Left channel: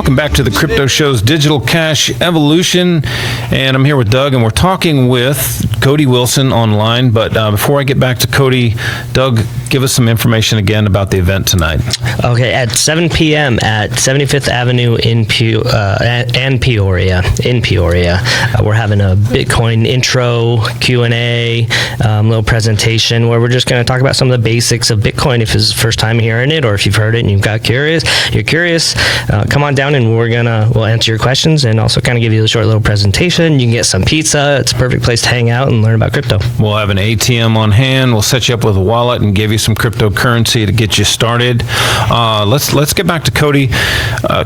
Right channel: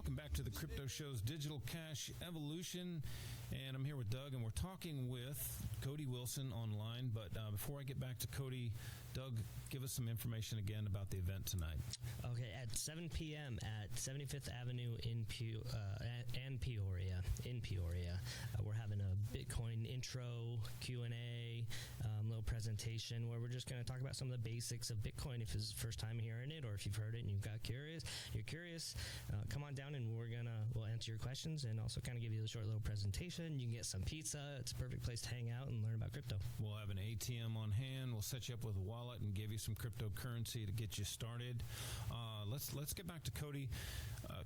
Welcome back to the Crypto Show's Digital Cash Evolution. And I'm here with Doug, and we're talking with Cody Wilson online. But before I get back to Cody, Doug, give us some information again about the event tonight. Okay, at 7 p.m. at 75th Avenue in Peoria. We're having a Bitcoin intro, Q&A, little presentation where we're just going to talk about some of the basics of Bitcoin if it's the first time hearing it, or if you've heard it and you're curious, come on down and we'll answer your questions and also kind of give you a short little presentation. You can get some pizza. It's a perfect place to hang out and learn about crypto. We'll have an ATM on hand. We'll set you up with a wallet and give you some cryptocurrency to get you started. Let's get back to Cody.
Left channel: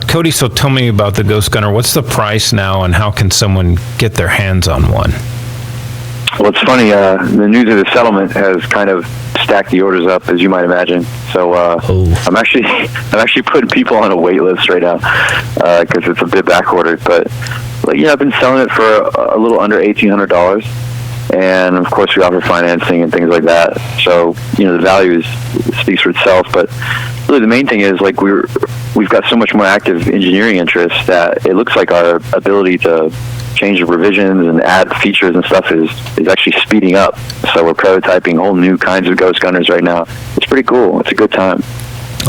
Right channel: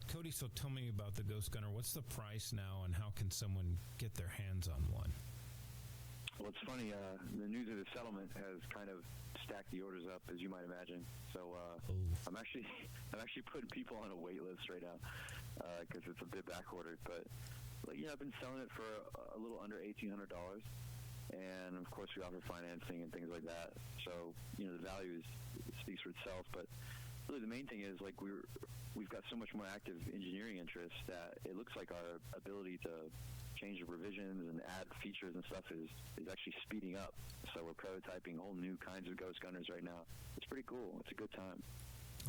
Cody, so tell me about the Ghost Gunner. What's the price now, and how can someone get their hands on one? Well, it's funny. The news of the settlement has kind of stacked the orders up, as you might imagine. So I'm actually putting people on a wait list right now because it's a bit back ordered. But I've been selling it for a little under $1,800, and of course we offer financing and things like that. So the value speaks for itself. But really, the main thing is we've got so much more active engineering interest that it looks like our ability to change the revisions and add features and stuff is actually speeding up. So we're prototyping whole new kinds of Ghost Gunners right now. It's pretty cool. It's a good time.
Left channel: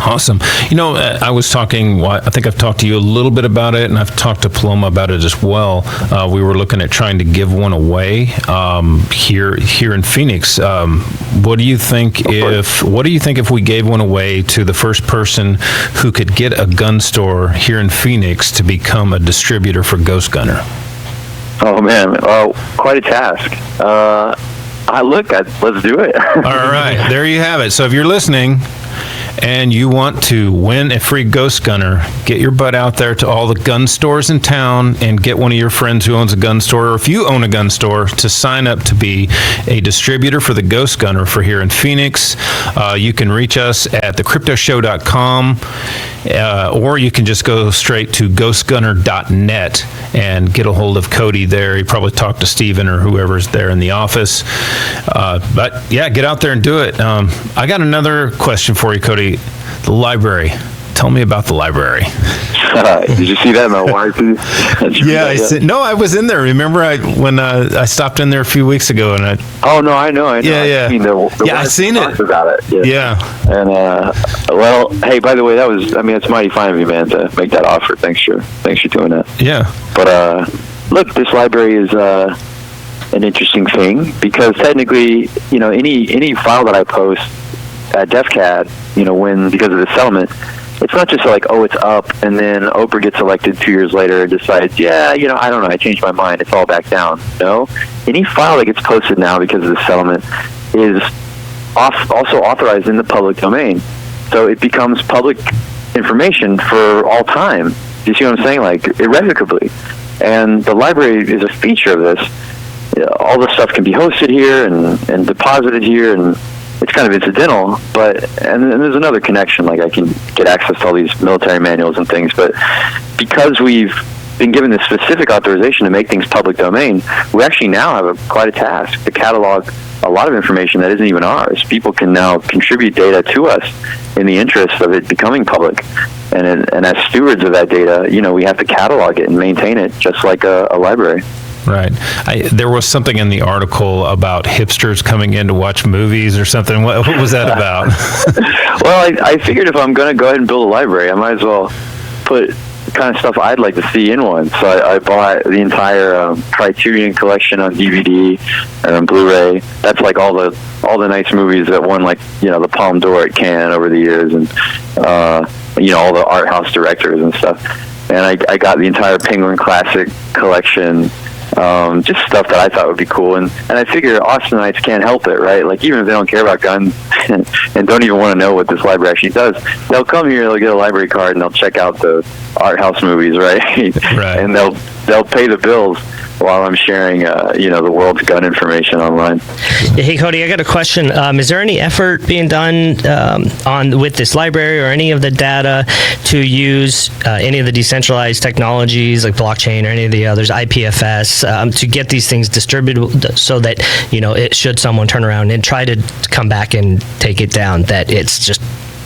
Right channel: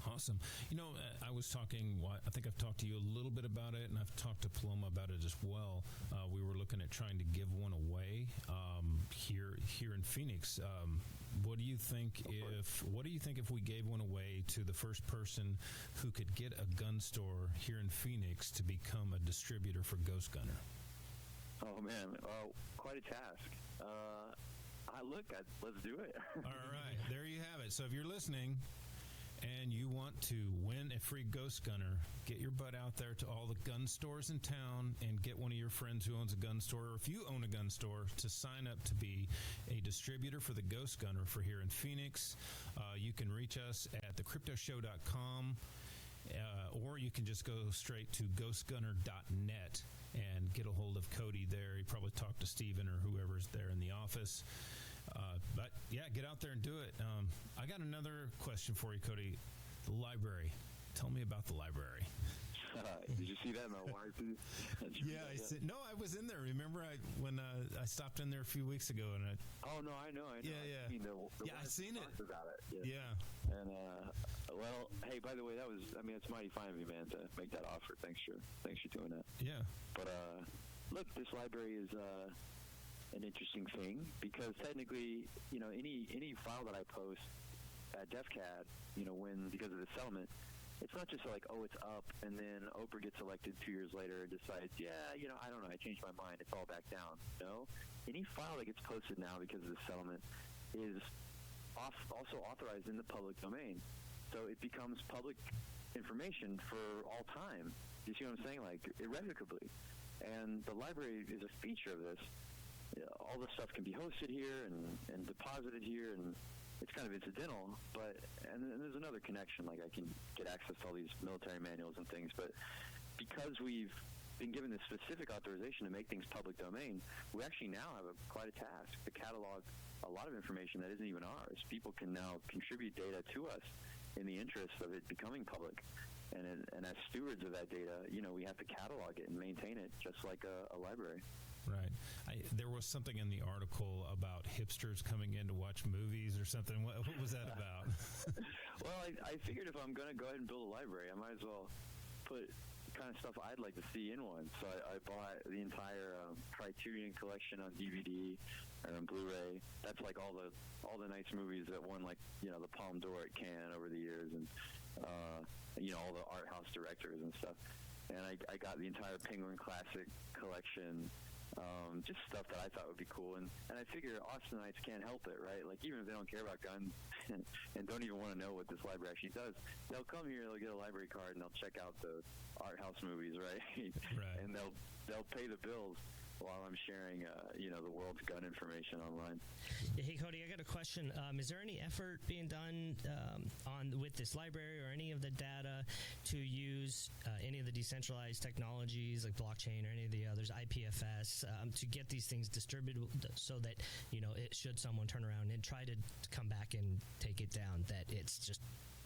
Awesome. I was talking, I think I've talked to you a little bit about it, and I've talked to Paloma about it as well. We were looking at trying to give one away here in Phoenix. What do you think if we gave one away to the first person who could get a gun store here in Phoenix to become a distributor for Ghost Gunner? Oh, man. Quite a task. Let's do it. All right. There you have it. So if you're listening and you want to win a free Ghost Gunner, get your butt out there to all the gun stores in town and get one of your friends who owns a gun store, or if you own a gun store, to sign up to be a distributor for the Ghost Gunner for here in Phoenix. You can reach us at thecryptoshow.com. Or you can just go straight to ghostgunner.net and get a hold of Cody there. You probably talk to Steven or whoever's there in the office. But yeah, get out there and do it. I got another question for you, Cody. The library. Tell me about the library. Did you see that in my wife? No, I was in there. Remember when I stopped in there a few weeks ago, and Oh no, I know. Yeah. I've seen it. About it. Yeah. And hey, by the way, it's mighty fine of you, man, to make that offer. Thanks for doing that. Yeah. But look, this library is an interesting thing because technically, any file that I post at DefCAD, because of the settlement. It's not just it's up, and then Oprah gets elected 2 years later and decides, I don't know, I changed my mind, it's all back down. No, any file that gets posted now because of the settlement is also authorized in the public domain. So it becomes public information for all time. Do you see what I'm saying? Irrevocably. And the library is a feature of this. All the stuff can be hosted here and deposited here, and it's kind of incidental, and there's another connection, I can get access to all these military manuals and things, but because we've been given this specific authorization to make things public domain, we actually now have quite a task to catalog a lot of information that isn't even ours. People can now contribute data to us in the interest of it becoming public, and as stewards of that data, we have to catalog it and maintain it just like a library. Right. There was something in the article about hipsters coming in to watch movies or something. What was that about? Well, I figured if I'm going to go ahead and build a library, I might as well put the kind of stuff I'd like to see in one. So I bought the entire Criterion collection on DVD and on Blu-ray. That's all the nice movies that won the Palme d'Or at Cannes over the years, and all the art house directors and stuff. And I got the entire Penguin Classic collection. Just stuff that I thought would be cool, and I figure Austinites can't help it, right? Even if they don't care about guns and don't even want to know what this library actually does, they'll come here, they'll get a library card, and they'll check out the art house movies, right? Right. And they'll pay the bills while I'm sharing, the world's gun information online. Hey, Cody, I got a question. Is there any effort being done with this library or any of the data to use any of the decentralized technologies like blockchain or any of the others, IPFS, to get these things distributed so that, should someone turn around and try to come back and take it down, that it's just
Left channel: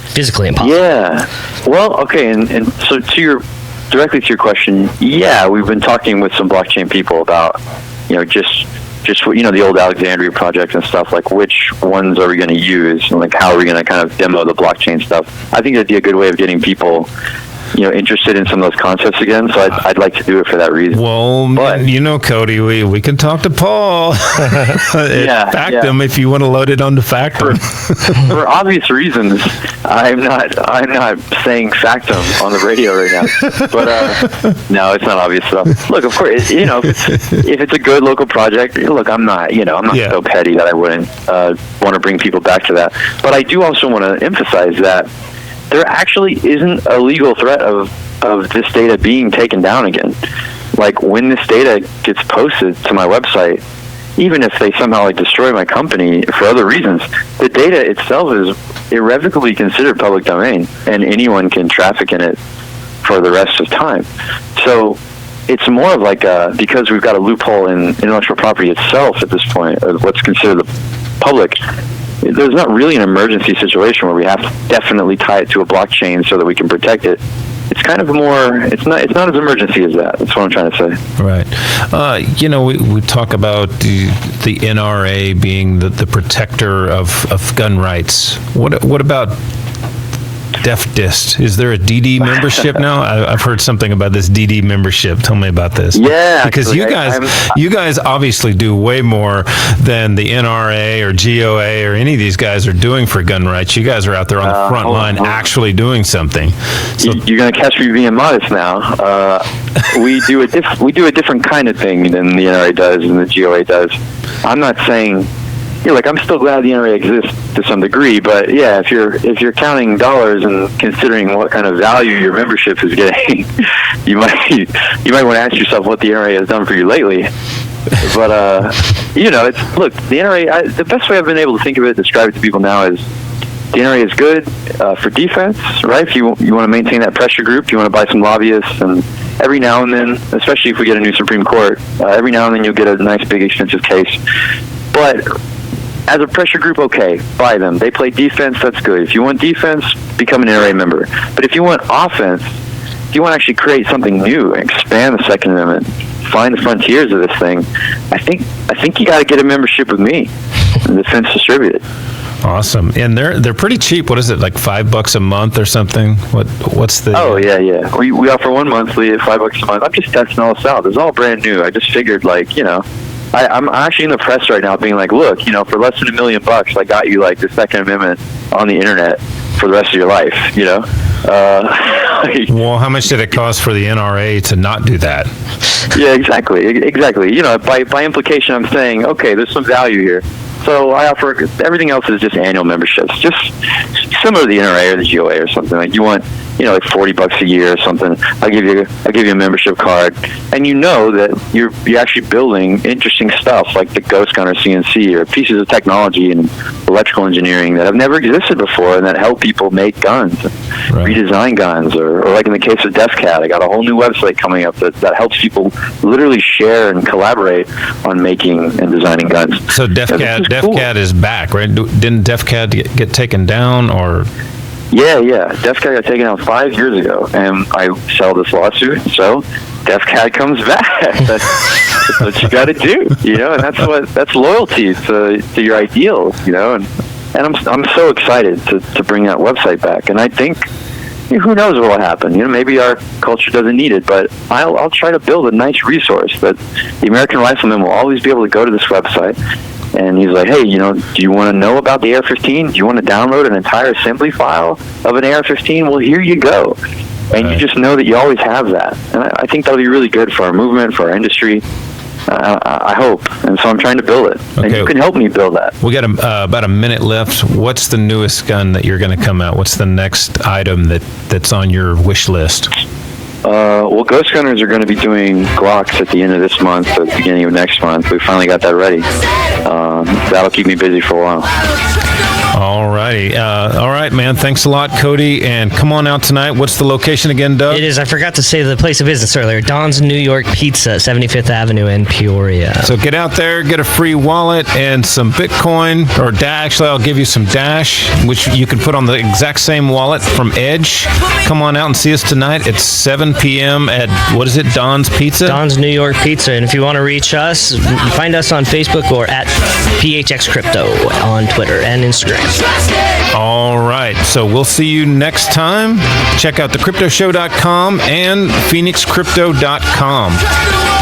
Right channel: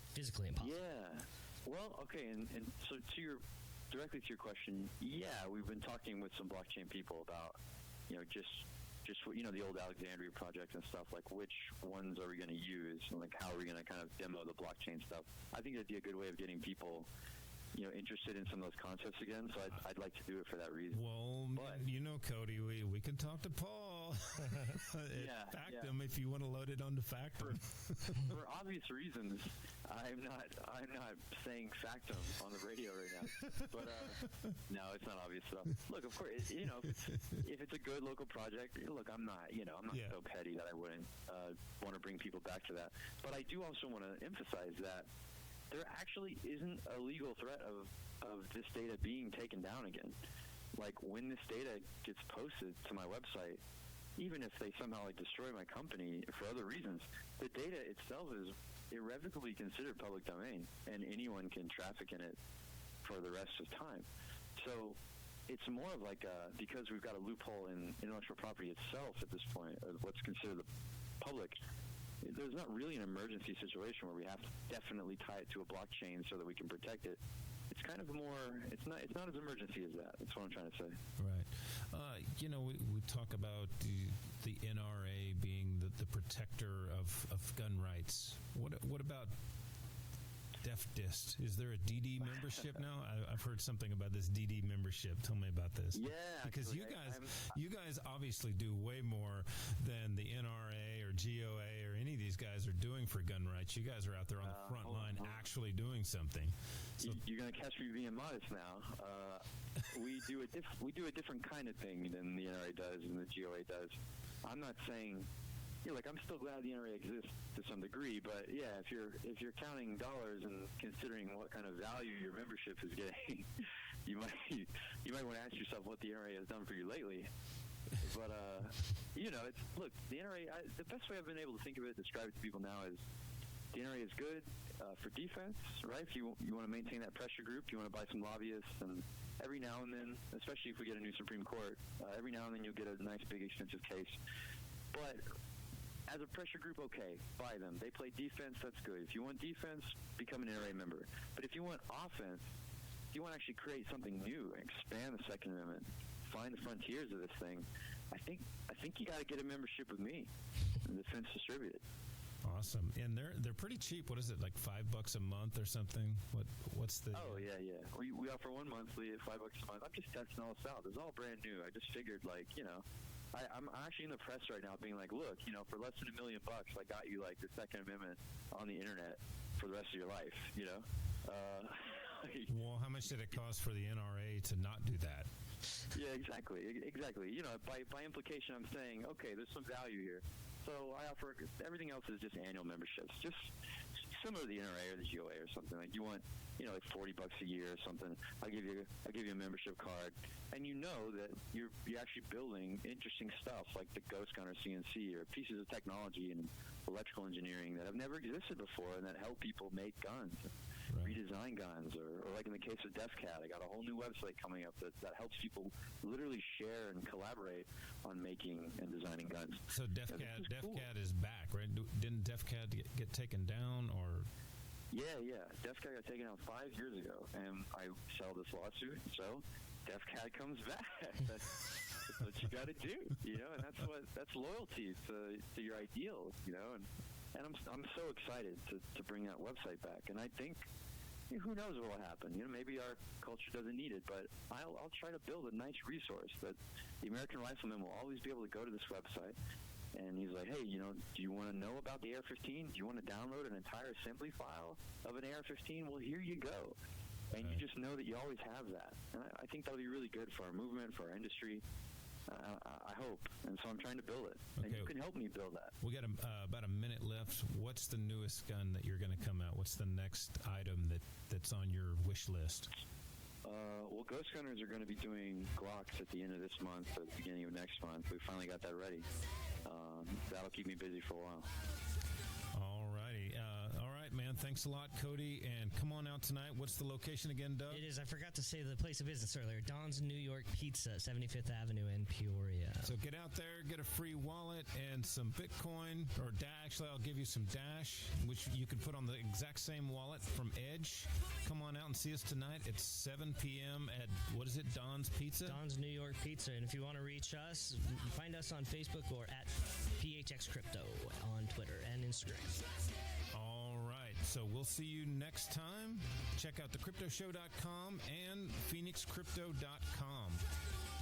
physically impossible? Yeah. Well, okay, and so to your directly to your question, yeah, we've been talking with some blockchain people about, just the old Alexandria project and stuff, like which ones are we going to use and like how are we going to kind of demo the blockchain stuff. I think that'd be a good way of getting people interested in some of those concepts again. So I'd like to do it for that reason. Well, but, Cody, we can talk to Paul at Factum if you want to load it onto Factum. For obvious reasons, I'm not saying Factum on the radio right now. But no, it's not obvious stuff. Look, of course, if it's a good local project, look, I'm not so petty that I wouldn't want to bring people back to that. But I do also want to emphasize that there actually isn't a legal threat of this data being taken down again. Like when this data gets posted to my website, even if they somehow destroy my company for other reasons, the data itself is irrevocably considered public domain, and anyone can traffic in it for the rest of time. So it's more of because we've got a loophole in intellectual property itself at this point, of what's considered the public, there's not really an emergency situation where we have to definitely tie it to a blockchain so that we can protect it. It's kind of it's not as emergency as that. That's what I'm trying to say. Right. We talk about the NRA being the protector of gun rights. What about DefDist? Is there a DD membership now? I've heard something about this DD membership. Tell me about this. Yeah, because you guys obviously do way more than the NRA or GOA or any of these guys are doing for gun rights. You guys are out there on the front line actually doing something. So, you're going to catch me being modest now. We do a different kind of thing than the NRA does and the GOA does. I'm not saying. I'm still glad the NRA exists to some degree, but yeah, if you're counting dollars and considering what kind of value your membership is getting, you might want to ask yourself what the NRA has done for you lately. But the NRA. The best way I've been able to think of it, describe it to people now, is the NRA is good for defense, right? If you want to maintain that pressure group, you want to buy some lobbyists, and every now and then, especially if we get a new Supreme Court, every now and then you'll get a nice, big, expensive case. But as a pressure group, okay, buy them. They play defense, that's good. If you want defense, become an NRA member. But if you want offense, if you want to actually create something new, expand the Second Amendment, find the frontiers of this thing, I think you got to get a membership with me, Defense Distributed. Awesome. And they're pretty cheap. What is it, like $5 a month or something? What's the... Oh, yeah. We offer one monthly at $5 a month. I'm just testing all this out. It's all brand new. I just figured, I'm actually in the press right now being like, look, for less than $1 million, I got you the Second Amendment on the internet for the rest of your life, Well, how much did it cost for the NRA to not do that? Yeah, exactly. By implication, I'm saying, okay, there's some value here. So I offer, everything else is just annual memberships, just similar to the NRA or the GOA or something. Like you want, like $40 a year or something. I'll give you a membership card, and that you're actually building interesting stuff like the Ghost Gunner CNC or pieces of technology and electrical engineering that have never existed before and that help people make guns, redesign guns, or like in the case of DefCat, I got a whole new website coming up that helps people literally share and collaborate on making and designing guns. So DefCat is back, right? Didn't DefCat get taken down or? Yeah. DefCat got taken out 5 years ago, and I settled this lawsuit, so DefCat comes back. That's what you got to do, and that's loyalty to your ideals, and I'm so excited to bring that website back, and I think who knows what will happen. Maybe our culture doesn't need it, but I'll try to build a nice resource that the American Rifleman will always be able to go to this website. And he's like, hey, do you want to know about the AR-15? Do you want to download an entire assembly file of an AR-15? Well, here you go. And you just know that you always have that. And I think that'll be really good for our movement, for our industry. I hope. And so I'm trying to build it. Okay. And you can help me build that. We got about a minute left. What's the newest gun that you're going to come out? What's the next item that's on your wish list? Well, Ghost Gunners are going to be doing Glocks at the end of this month, at the beginning of next month. We finally got that ready. That'll keep me busy for a while. All righty. All right, man. Thanks a lot, Cody. And come on out tonight. What's the location again, Doug? It is, I forgot to say the place of business earlier, Don's New York Pizza, 75th Avenue in Peoria. So get out there, get a free wallet and some Bitcoin, or actually I'll give you some Dash, which you can put on the exact same wallet from Edge. Come on out and see us tonight at 7 p.m. at, what is it, Don's Pizza? Don's New York Pizza. And if you want to reach us, find us on Facebook or at PHX Crypto on Twitter and Instagram. All right. So we'll see you next time. Check out thecryptoshow.com and phoenixcrypto.com.